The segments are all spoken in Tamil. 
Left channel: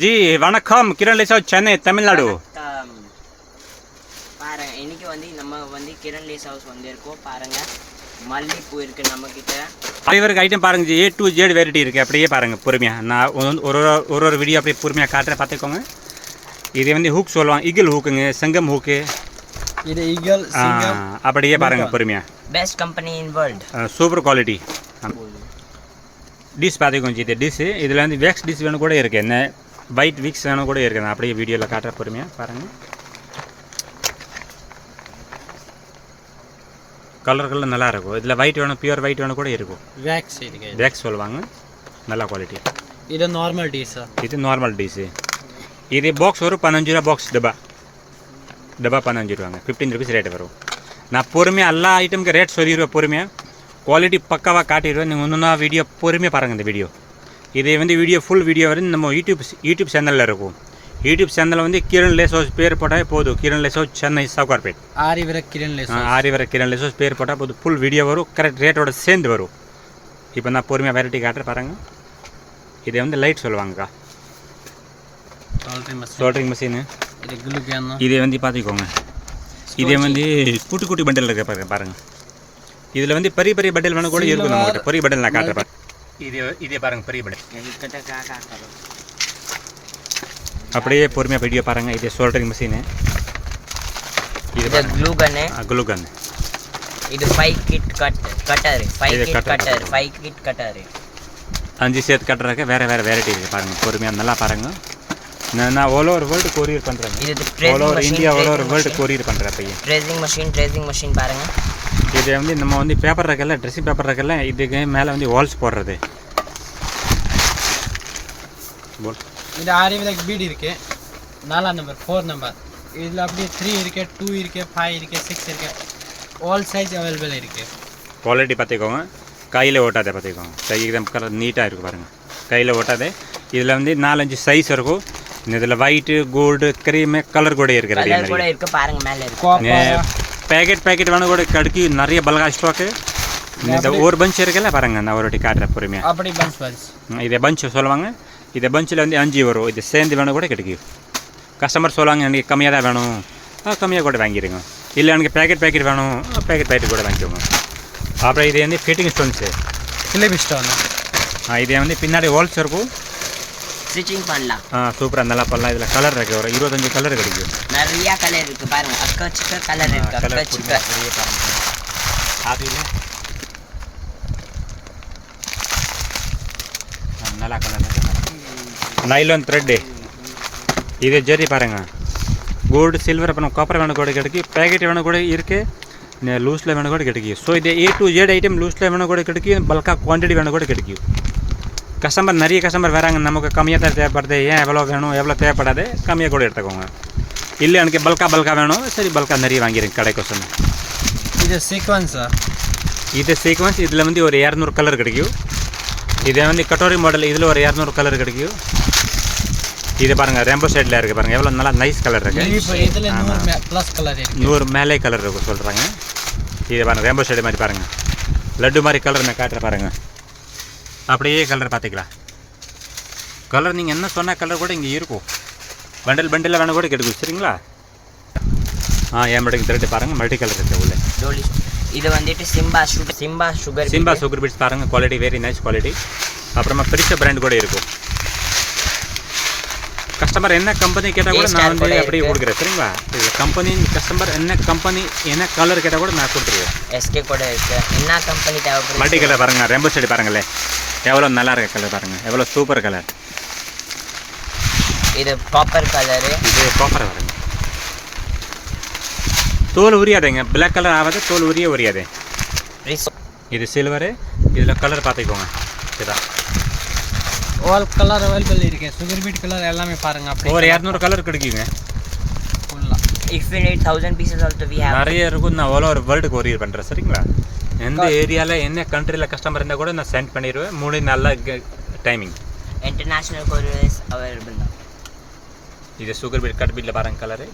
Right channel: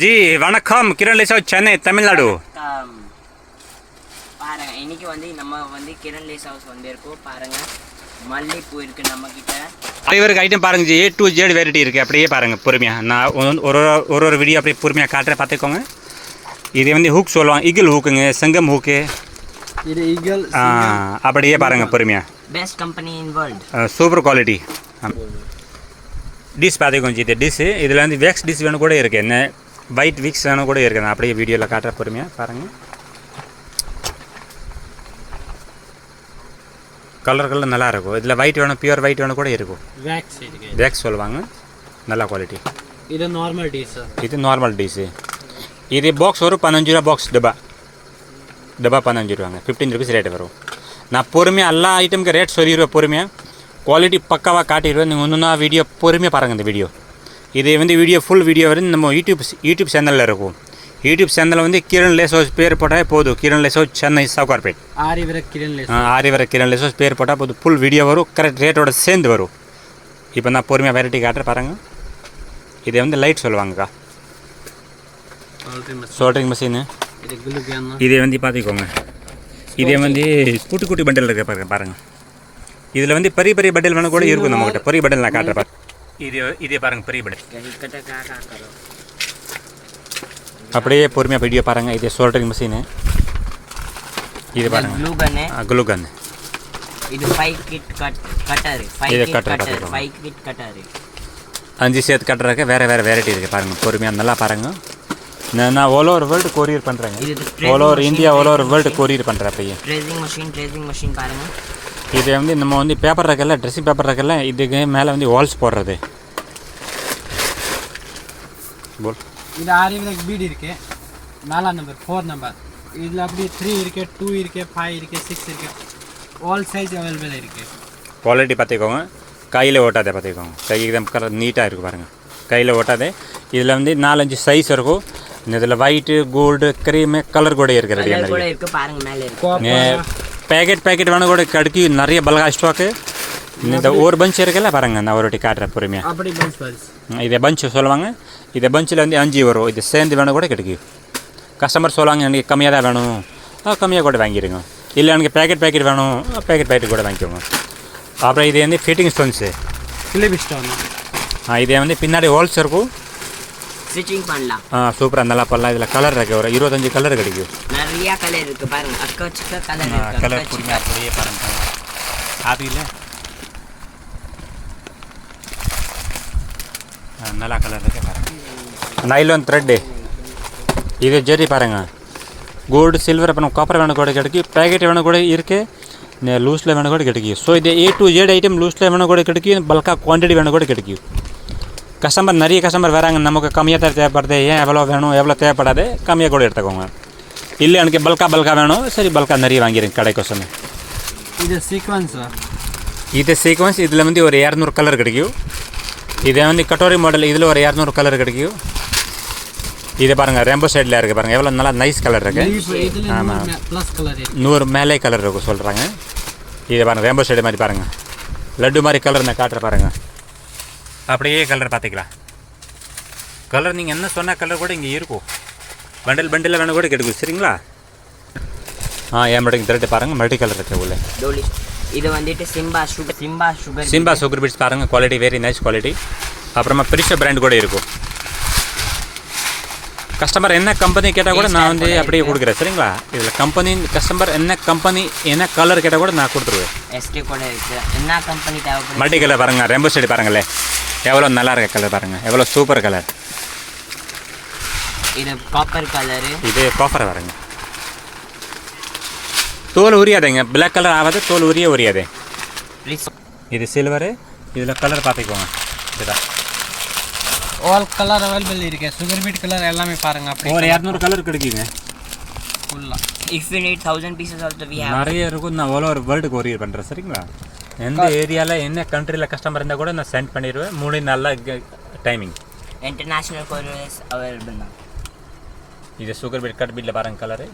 जी வணக்கம் கிரண் லேசா சென்னை தமிழ்நாடு பாருங்க இன்னைக்கு வந்து நம்ம கிரண் லேஸ் ஹவுஸ் வந்திருக்கோம் பாருங்க மல்லிப்பூ இருக்கு நம்ம கிட்ட அனைவருக்கு ஐட்டம் பாருங்க G A to Z variety இருக்கு அப்படியே பாருங்க பொறுமையா நான் ஒரு வீடியோ அப்படியே பொறுமையா காட்டுறேன் பார்த்துக்கோங்க இது வந்து ஹூக் சொல்லுவாங்க ஈகிள் ஹூக்குங்க செங்கம் ஹூக்கு இது ஈகிள் அப்படியே பாருங்க பொறுமையா best company in world super quality dish பார்த்துக்கோங்க ஜி இது டிஷ் இதில் வந்து வேக்ஸ் டிஷ் வேணும் கூட இருக்குது என்ன ஒயிட் விக்ஸ் வேணும் கூட இருக்குது நான் அப்படியே வீடியோவில் காட்டுற பொறுமையாக பாருங்கள் கலர் நல்லா இருக்கும் இதில் ஒயிட் வேணும் பியூர் ஒயிட் வேணும் கூட இருக்கும் வேக்ஸ் சொல்லுவாங்க நல்ல குவாலிட்டி இது நார்மல் டிஷ் இது நார்மல் டிஷ் இது பாக்ஸ் வரும் 15 ரூபா பாக்ஸ் டப்பா 15 ரூபாங்க 15 ருபீஸ் ரேட் வரும் நான் பொறுமையாக எல்லா ஐட்டமுக்கு ரேட் சொல்லிடுவேன் பொறுமையாக குவாலிட்டி பக்காவாக காட்டிடுவேன் நீங்கள் ஒன்றுனா வீடியோ பொறுமையாக பாருங்கள் இந்த வீடியோ இது வந்து வீடியோ ஃபுல் வீடியோ வந்து நம்ம யூடியூப் சேனலில் இருக்கும் யூடியூப் சேனலில் வந்து கிரண் லேஸ் ஹவுஸ் பேர் போட்டால் போதும் கிரண் லேஸ் ஹவுஸ் சென்னை சவுகார்பேட் ஆரிவர கிரண் லேஸ் ஹவுஸ் பேர் போட்டால் போதும் ஃபுல் வீடியோ வரும் கரெக்ட் ரேட்டோட சேர்ந்து வரும் இப்போ நான் பொறுமையாக வெரைட்டி காட்டுறேன் பாருங்கள் இது வந்து லைட் சொல்லுவாங்கக்கா சோல்ட்ரிங் மிஷினு இதே வந்து பார்த்துக்கோங்க இதே வந்து குட்டி குட்டி பண்டல் இருக்க பாருங்கள் இதில் வந்து பெரிய பெரிய பண்டல் வேணும் கூட இருக்கும் நம்மகிட்ட பெரிய பண்டல் நான் காட்டுறேன் பாருங்க இதே பாருங்கள் பெரிய பண்டல் அப்படியே பொறுமையாக வீடியோ பாருங்கள் இதே சோல்டரிங் மிஷினு இது பாருங்கள் க்ளூ கன் இது 5 கிட் கட்டர் 5 கிட் கட்டர் 5 சேர்த்து கட்டுறதுக்கு வேறு வெரைட்டி இருக்குது பாருங்கள் பொறுமையாக நல்லா பாருங்கள் நான் ஆல் ஓவர் வேர்ல்டு கொரியர் பண்ணுறேங்க all over India all over world courier பண்ணுறேன் அப்பயே ட்ரேசிங் மஷின் பாருங்கள் இது வந்து நம்ம வந்து பேப்பர் இருக்கல ட்ரெஸ்ஸிங் பேப்பர் இருக்கல இதுக்கு மேலே வந்து வால்ஸ் போடுறது இது ஆரிவிலக் பீட் இருக்கு 4 நம்பர் 4 நம்பர் இதில் அப்படி 3 இருக்கு 2 இருக்கு 5 இருக்கு 6 இருக்கு ஆல் சைஸ் அவைலபிள் இருக்கு குவாலிட்டி பார்த்துக்கோங்க கையில் ஓட்டாதே பார்த்துக்கோங்க கை எக்ஸாம் கலர் நீட்டாக இருக்கும் பாருங்கள் கையில் ஓட்டாதே இதில் வந்து 4-5 சைஸ் இருக்கும் இதில் ஒயிட்டு கோல்டு க்ரீமு கலர் கூட இருக்குது பேக்கெட் வேணும் கூட கடுக்கி நிறைய பல்கா ஸ்டாக்கு இந்த ஒரு பஞ்ச் இருக்குல்ல பாருங்கள் நான் ஒரு வாட்டி காட்டுறேன் பொறுமையாக அப்படி பஞ்ச் இதை பஞ்ச் சொல்லுவாங்க இதை பஞ்சில் வந்து 5 வரும் இது சேர்ந்து வேணும் கூட கிடைக்கும் கஸ்டமர் சொல்லுவாங்க எனக்கு கம்மியாக தான் வேணும் கம்மியாக கூட வாங்கிடுங்க இல்லை எனக்கு பேக்கெட் வேணும் பேக்கெட் கூட வாங்கிக்கோங்க அப்புறம் இது வந்து ஃபிட்டிங் ஸ்டோன்ஸு இதே வந்து பின்னாடி ஹோல்ஸ் இருக்கும் ஸ்டிச்சிங் பண்ணலாம் சூப்பராக நல்லா பண்ணலாம் இதில் கலர் இருக்குது ஒரு 25 கலர் கிடைக்கும் நிறைய கலர் இருக்குது பாருங்க அக்கச்சிக்க கலர் இருக்குது அக்கச்சிக்க அப்படியே பாருங்க காப்பியில் நல்லா கலர் இருக்குது நைலான் த்ரெட்டு இது ஜெரி பாருங்கள் கோல்டு சில்வர் அப்புறம் காப்பர் வேணும் கூட கிடைக்கும் பேக்கெட் வேணும் கூட இருக்குது லூஸில் வேணும் கூட கிடைக்கும் ஸோ இது A to Z ஐட்டம் லூஸில் வேணும் கூட கிடைக்கும் பல்காக குவான்டிட்டி வேணும் கூட கிடைக்கும் நிறைய கஸ்டமர் வராங்க நமக்கு கம்மியாக தான் தேவைப்படுது ஏன் எவ்வளோ வேணும் எவ்வளோ தேவைப்படாது கம்மியாக கூட எடுத்துக்கோங்க இல்லை எனக்கு பல்கா வேணும் சரி பல்கா நிறைய வாங்கிடுங்க கடைக்கோசம் இது சீக்வன்ஸ் இதில் வந்து ஒரு 200 கலர் கிடைக்கும் இதை வந்து கட்டோரி மாடல் இதில் ஒரு 200 கலர் கிடைக்கும் இது பாருங்கள் ரெம்போ சைடில் இருக்குது பாருங்கள் எவ்வளோ நல்லா நைஸ் கலர் இருக்குது ஆமாம் 100 மேலே கலர் இருக்கும் சொல்கிறாங்க இது பாருங்கள் ரெம்போ சைடு மாதிரி பாருங்கள் லட்டு மாதிரி கலர் நான் காட்டுற பாருங்கள் அப்படியே கலர் பார்த்துக்கலாம் கலர் நீங்கள் என்ன சொன்ன கலர் கூட இங்கே இருக்கும் பண்டில் வேணும் கூட கிடைக்கும் சரிங்களா என் த்ரெட் பாருங்கள் மல்டி கலர் இருக்குது உள்ளே இது வந்துட்டு சிம்பா சுகர் பீட்ஸ் பாருங்கள் குவாலிட்டி வெரி நைஸ் குவாலிட்டி அப்புறமா பெரிய பிராண்ட் கூட இருக்கும் கஸ்டமர் என்ன கம்பெனி கேட்டால் கூட நான் வந்து அப்படியே கொடுக்குறேன் சரிங்களா இதில் கம்பெனி கஸ்டமர் என்ன கலர் கேட்டால் கூட நான் கொடுத்துருவேன் எஸ்கே கூட இருக்குது என்ன கம்பெனி தேவைப்படுது மல்டி கலர் பாருங்கள் ரெம்போ சைடு பாருங்களேன் எவ்வளோ நல்லா இருக்க கலர் பாருங்கள் எவ்வளோ சூப்பர் கலர் இது காப்பர் கலரு இது காப்பர் பாருங்க தோல் உரியாதுங்க பிளாக் கலர் ஆகாது தோல் உரியாதே இது சில்வரு இதில் கலர் பார்த்துக்கோங்க இதுதான் ஆல் கலர் அவைலபிள் இருக்கு சுகர் பீட் கலர் எல்லாமே பாருங்க அப்படி ஒரு 200 கலர் கிடைக்குங்க ஃபுல்லா if you need 1000 pieces also we have நிறைய இருக்கும் நான் ஆல் ஓவர் வேர்ல்டு கொரியர் பண்ணுறேன் சரிங்களா எந்த ஏரியாவில் என்ன கண்ட்ரியில் கஸ்டமர் இருந்தால் கூட நான் சென்ட் பண்ணிடுவேன் 3 நாளில் timing international courier is available now இது சுகர் பீட் கட் பீட்டில் பாருங்கள் கலரு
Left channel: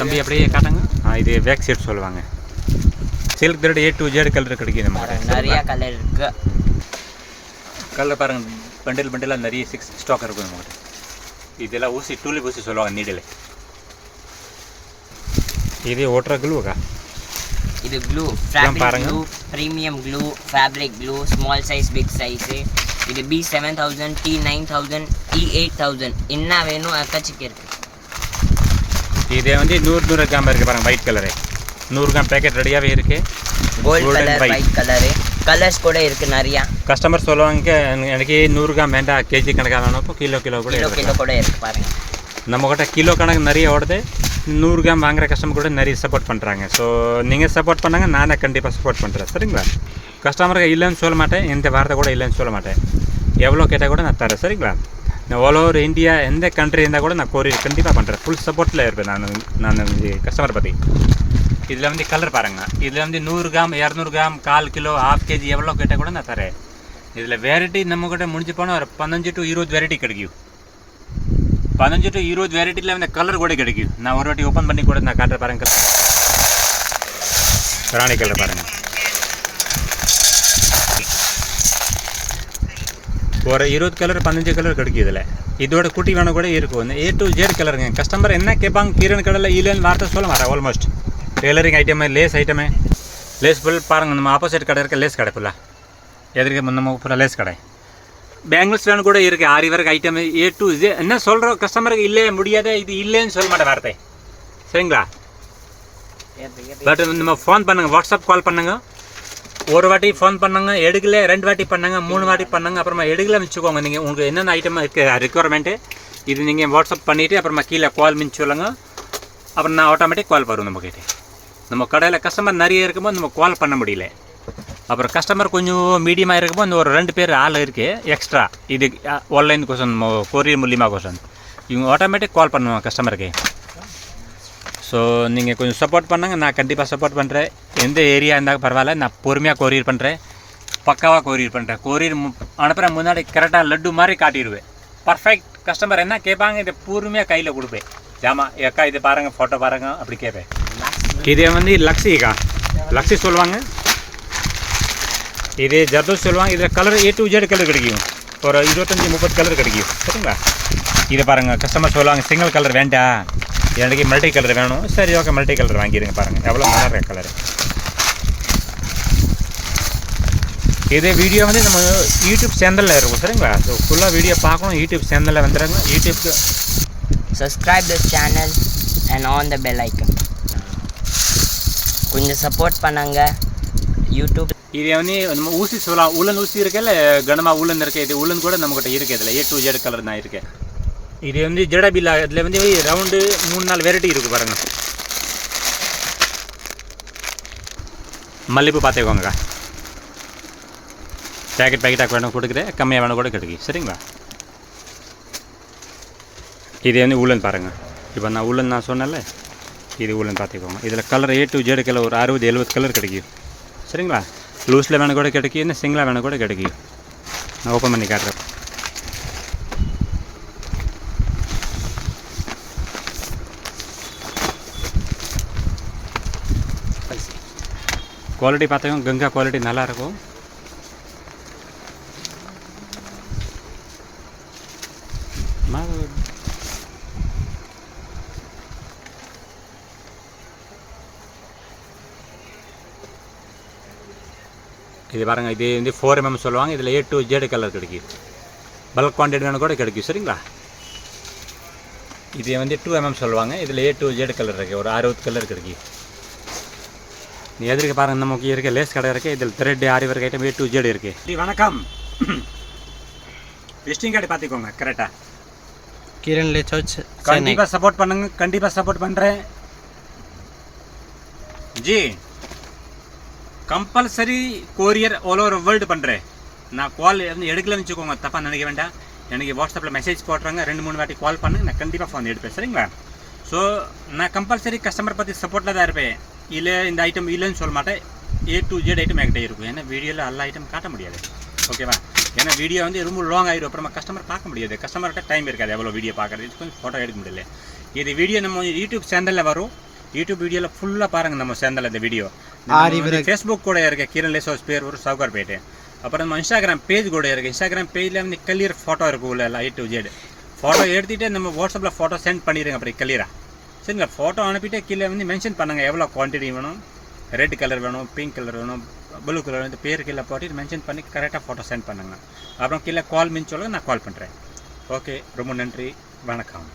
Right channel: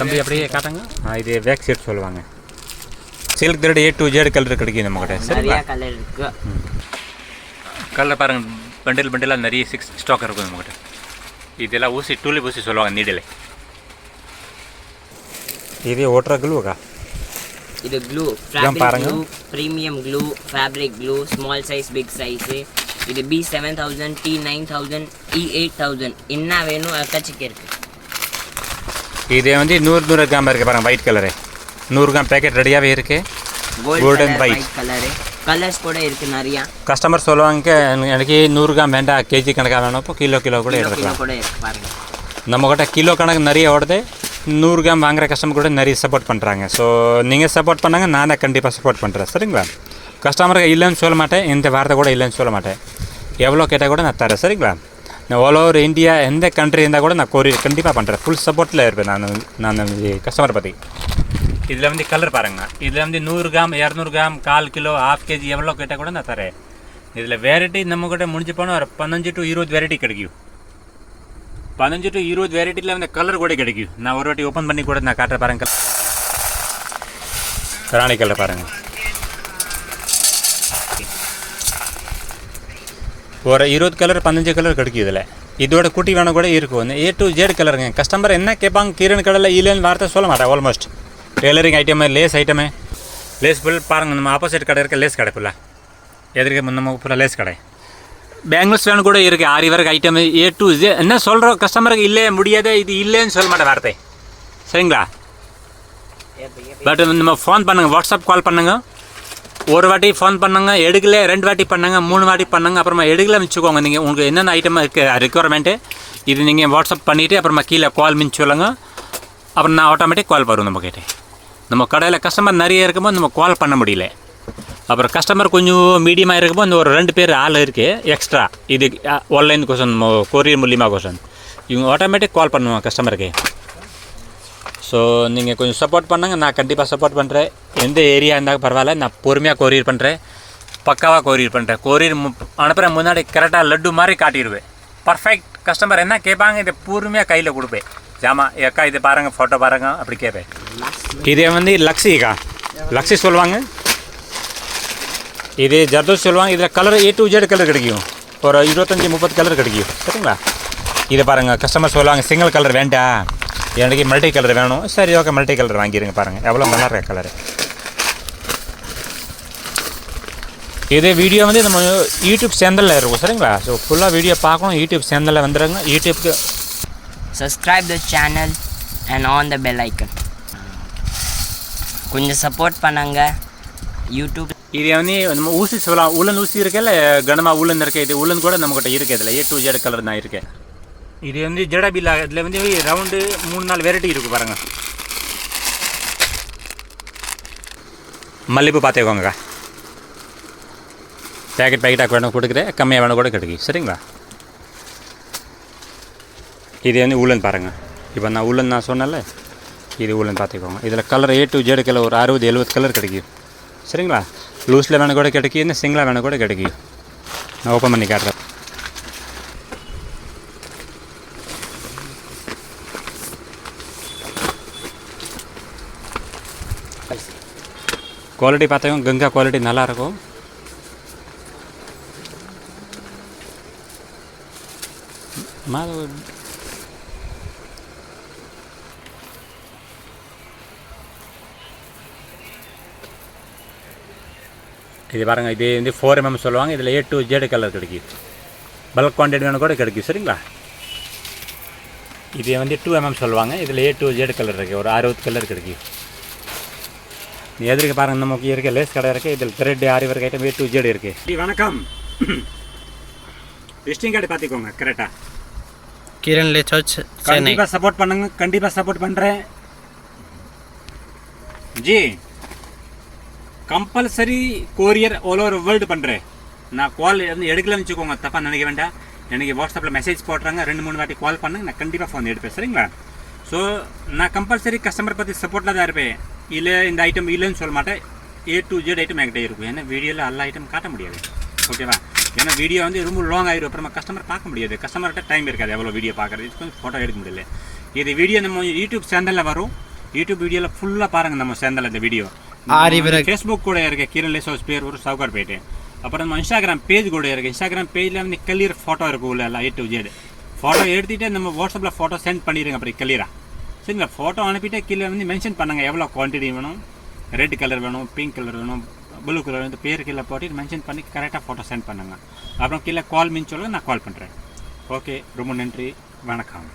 தம்பி அப்படியே காட்டுங்க இது வேக் செட் சொல்லுவாங்க silk thread A to Z colour கிடைக்கும் நம்ம கிட்ட நிறைய கலர் இருக்குது கலர் பாருங்கள் பண்டிலாக நிறைய ஸ்டாக் இருக்கும் நம்மகிட்ட. இதெல்லாம் ஊசி டூலிப் ஊசி சொல்லுவாங்க நீடில். இது ஓட்டுற க்ளூக்கா? இது க்ளூ, பாருங்க, glue, premium glue, fabric glue, small size, big size. இது B7000, T9000, E8000 என்ன வேணும் அக்காச்சிக்கு இருக்குது. இது வந்து 100 கிராம் இருக்குது பாருங்கள், ஒயிட் கலரு 100 கிராம் பேக்கெட் ரெடியாகவே இருக்குது. கோல்டன் ஒயிட் கலரு, கலர்ஸ் கூட இருக்குது நிறையா. கஸ்டமர் சொல்லுவாங்க எனக்கு 100 கிராம் வேண்டாம், கேஜி கணக்காக வேணும், கிலோ கூட எடுத்துக்கலாம். கூட இருக்குது பாருங்கள். நம்மக்கிட்ட கிலோ கணக்கு நிறைய ஓடுது. 100 கிராம் வாங்குகிற கஸ்டமர் கூட நிறைய சப்போர்ட் பண்ணுறாங்க. ஸோ நீங்கள் சப்போர்ட் பண்ணாங்க, நானே கண்டிப்பாக சப்போர்ட் பண்ணுறேன். சரிங்களா? கஸ்டமருக்கு இல்லைன்னு சொல்ல மாட்டேன், எந்த வார்த்தை கூட இல்லைன்னு சொல்ல மாட்டேன். எவ்வளோ கேட்டால் கூட நான் தரேன். சரிங்களா? நான் ஆல் ஓவர் இந்தியா எந்த கண்ட்ரி இருந்தால் கூட நான் கொரியர் கண்டிப்பாக பண்ணுறேன். ஃபுல் சப்போர்ட்டில் இருப்பேன் நான் கஸ்டமரை பற்றி. இதில் வந்து கலர் பாருங்கள். இதில் வந்து 100 கிராம், 200 கிராம், 1/4 கிலோ, 1/2 கேஜி எவ்வளோ கேட்டால் கூட நான் தரேன். இதில் வெரைட்டி நம்மக்கிட்ட முடிஞ்சு போனால் ஒரு 15 to 20 வெரைட்டி கிடைக்கும். 15 to 20 வெரைட்டியில் வந்து கலர் கூட கிடைக்கும். நான் ஒரு வாட்டி ஓப்பன் பண்ணி கூட நான் காட்டுற பாருங்கள். ராணி கலர் பாருங்கள், ஒரு 20 கலர் 15 கலர் கிடைக்கும். இதில் இதோட குட்டி வேணும் கூட இருக்கும். A to Z கலருங்க. கஸ்டமர் என்ன கேட்பாங்க, கீரன் கடையில் இல்லைன்னு வார்த்தை சொல்ல மாட்டேன். ஆல்மோஸ்ட் டெய்லரிங் ஐட்டமே, லேஸ் ஐட்டமே, லேஸ் ஃபுல் பாருங்கள். நம்ம ஆப்போசிட் கடை இருக்க லேஸ் கடை ஃபுல்லாக எதிர்க்க நம்ம ஃபுல்லாக லேஸ் கடை. பேங்கிள்ஸ் வேணும் கூட இருக்குது. ஆரி ஒர்க் ஐட்டமே A to Z. என்ன சொல்கிறோம் கஸ்டமருக்கு இல்லை முடியாது, இது இல்லைன்னு சொல்ல மாட்டேன் வார்த்தை. சரிங்களா? பட் நம்ம ஃபோன் பண்ணுங்கள், வாட்ஸ்அப் கால் பண்ணுங்கள். ஒரு வாட்டி ஃபோன் பண்ணுங்க, எடுக்கல 2 வாட்டி பண்ணுங்க, 3 வாட்டி பண்ணுங்க. அப்புறமா எடுக்கல மிச்சுக்கோங்க. நீங்கள் உங்களுக்கு என்னென்ன ஐட்டம் இருக்குது ரெக்குவயர்மெண்ட்டு இது நீங்கள் வாட்ஸ்அப் பண்ணிவிட்டு அப்புறமா கீழே கால் மிச்சு சொல்லுங்க. அப்புறம் நான் ஆட்டோமேட்டிக் கால் வரும் நம்மக்கிட்ட. நம்ம கடையில் கஸ்டமர் நிறைய இருக்கும்போது நம்ம கால் பண்ண முடியல. அப்புறம் கஸ்டமர் கொஞ்சம் மீடியமாக இருக்கும்போது இந்த ஒரு 2 பேர் ஆள் இருக்குது எக்ஸ்ட்ரா. இது ஆன்லைன் கோசம், கொரியர் மூலியமாக கோசம் இவங்க ஆட்டோமேட்டிக் கால் பண்ணுவாங்க கஸ்டமருக்கு. ஸோ நீங்கள் கொஞ்சம் சப்போர்ட் பண்ணுங்க, நான் கண்டிப்பாக சப்போர்ட் பண்ணுறேன். எந்த ஏரியா இருந்தால் பரவாயில்ல, நான் பொறுமையாக கொரியர் பண்ணுறேன், பக்காவாக கொரியர் பண்ணுறேன். கொரியர் அனுப்புகிற முன்னாடி கரெக்டாக லட்டு மாதிரி காட்டிடுவேன். பர்ஃபெக்ட். கஸ்டமர் என்ன கேட்பாங்க இதை பொறுமையாக கையில் கொடுப்பேன். ஜாமா ஏக்கா இது பாருங்கள், ஃபோட்டோ பாருங்கள் அப்படி கேட்பேன். இதே வந்து லக்ஸிக்கா, லக்ஸி சொல்லுவாங்க. இது ஜர்தோஸ் சொல்லுவாங்க. இதில் colour A to Z colour கிடைக்கும். ஒரு 25-30 கலர் கிடைக்கும். சரிங்களா? இதை பாருங்கள், கஸ்டமர் சொல்லுவாங்க சிங்கிள் கலர் வேண்டாம், எனக்கு மல்டி கலர் வேணும். சரி ஓகே, மல்டி கலர் வாங்கிடுங்க. பாருங்கள் எவ்வளோ நல்லா இருக்க கலரு. இதே வீடியோ வந்து நம்ம யூடியூப் சேனலில் இருக்கும். சரிங்களா? ஸோ ஃபுல்லாக வீடியோ பார்க்கணும், யூடியூப் சேனலில் வந்துடுங்க. யூடியூப்க்கு subscribe the channel and on the bell icon. கொஞ்சம் சப்போர்ட் பண்ணாங்க யூடியூப். இது வந்து நம்ம ஊசி சொல்லலாம். உலன் ஊசி இருக்கல, கனமாக உலன் இருக்குது. இது உலன் கூட நம்மக்கிட்ட இருக்குது. இதில் A to Z கலர் தான் இருக்குது. இது வந்து ஜடபில்லா. இதில் வந்து ரவுண்டு 3-4 வெரைட்டி இருக்குது பாருங்கள். மல்லிப்பூ பார்த்துக்கோங்கக்கா. பேக்கெட்டாக வேணும் கொடுக்குறேன், கம்மியாக வேணும் கூட கிடைக்கும். சரிங்களா? இது வந்து உலன் பாருங்கள். இப்போ நான் உலன் நான் சொன்னேன்ல, இது உலன் பார்த்துக்கோங்க. இதில் colour A to Z colour ஒரு 60-70 கலர் கிடைக்கும். சரிங்களா? லூஸில் வேணும் கூட கிடைக்கும், இன்னும் சிங்கிளாக வேணும் கூட கிடைக்கும். நான் ஓப்பன் பண்ணி காட்டுறேன். குவாலிட்டி பார்த்துக்கோங்க, கங்கா குவாலிட்டி நல்லாயிருக்கும். இது பாருங்கள், இது வந்து 4 mm சொல்லுவாங்க. இதில் A to Z கலர் கிடைக்கும். பல்க் குவான்டிட்டி வேணும் கூட கிடைக்கும். சரிங்களா? இது வந்து 2 mm சொல்லுவாங்க. இதில் A to Z கலர் இருக்குது, ஒரு 60 கலர் கிடைக்கும். எதிர்க்க பாருங்கள், நமக்கு இருக்க லேஸ் கடை இருக்குது. இதில் thread aari work item A to Z இருக்குது. வணக்கம். விசிட்டிங் கார்டு பார்த்துக்கோங்க கரெக்டாக. கிரண் லே சர்ச் கண்டிப்பாக சப்போர்ட் பண்ணுங்க, கண்டிப்பாக சப்போர்ட் பண்ணுறேன் G. Compulsory courier all over world பண்ணுறேன். நான் கால் வந்து எடுக்கலன்னு வச்சுக்கோங்க, தப்பாக நினைக்க வேண்டாம். எனக்கு வாட்ஸ்அப்பில் மெசேஜ் போட்டுறாங்க, 2-3 வாட்டி கால் பண்ணுங்க, நான் கண்டிப்பாக ஃபோன் எடுப்பேன். சரிங்களா? ஸோ நான் கம்பல்சரி கஸ்டமர் பற்றி சப்போர்ட்டில் தான் இருப்பேன். இல்லை இந்த ஐட்டம் இல்லைன்னு சொல்ல மாட்டேன். A to Z ஐட்டம் என்கிட்ட இருக்கும். ஏன்னா வீடியோவில் எல்லா ஐட்டம் காட்ட முடியாது. ஓகேவா? ஏன்னா வீடியோ வந்து ரொம்ப லாங் ஆகிடும், அப்புறமா கஸ்டமர் பார்க்க முடியாது. கஸ்டமர்கிட்ட டைம் இருக்காது எவ்வளோ வீடியோ பார்க்குறது, கொஞ்சம் ஃபோட்டோ எடுக்க முடியல. இது வீடியோ நம்ம யூடியூப் சேனலில் வரும். யூடியூப் வீடியோவில் ஃபுல்லாக பாருங்கள் நம்ம சேனலில் இந்த வீடியோ. ஃபேஸ்புக் கூட இருக்க கிரண் லேஸ் ஹவுஸ் பேர் ஒரு சவுகார்பேட்டை. அப்புறம் நம்ம இன்ஸ்டாகிராம் பேஜ் கூட இருக்குது. இன்ஸ்டாகிராம் பேஜில் வந்து கிளியர் ஃபோட்டோ இருக்கும் உள்ள எல்லாம் A to Z. ஃபோட்டோ எடுத்துகிட்டு நம்ம வாட்ஸ்அப்பில் ஃபோட்டோ சென்ட் பண்ணிடுங்க அப்புறம் கிளியராக. சரிங்களா? ஃபோட்டோ அனுப்பிட்டு கீழே வந்து மென்ஷன் பண்ணுங்கள் எவ்வளோ குவான்டிட்டி வேணும், ரெட் கலர் வேணும், பிங்க் கலர் வேணும், ப்ளூ கலர் வந்து பேர் கீழே போட்டு மென்ஷன் பண்ணி கரெக்டாக ஃபோட்டோ சென்ட் பண்ணுங்கள். அப்புறம் கீழே கால் மீன் சொல்லுங்கள், நான் கால் பண்ணுறேன். ஓகே, ரொம்ப நன்றி, வணக்கம்.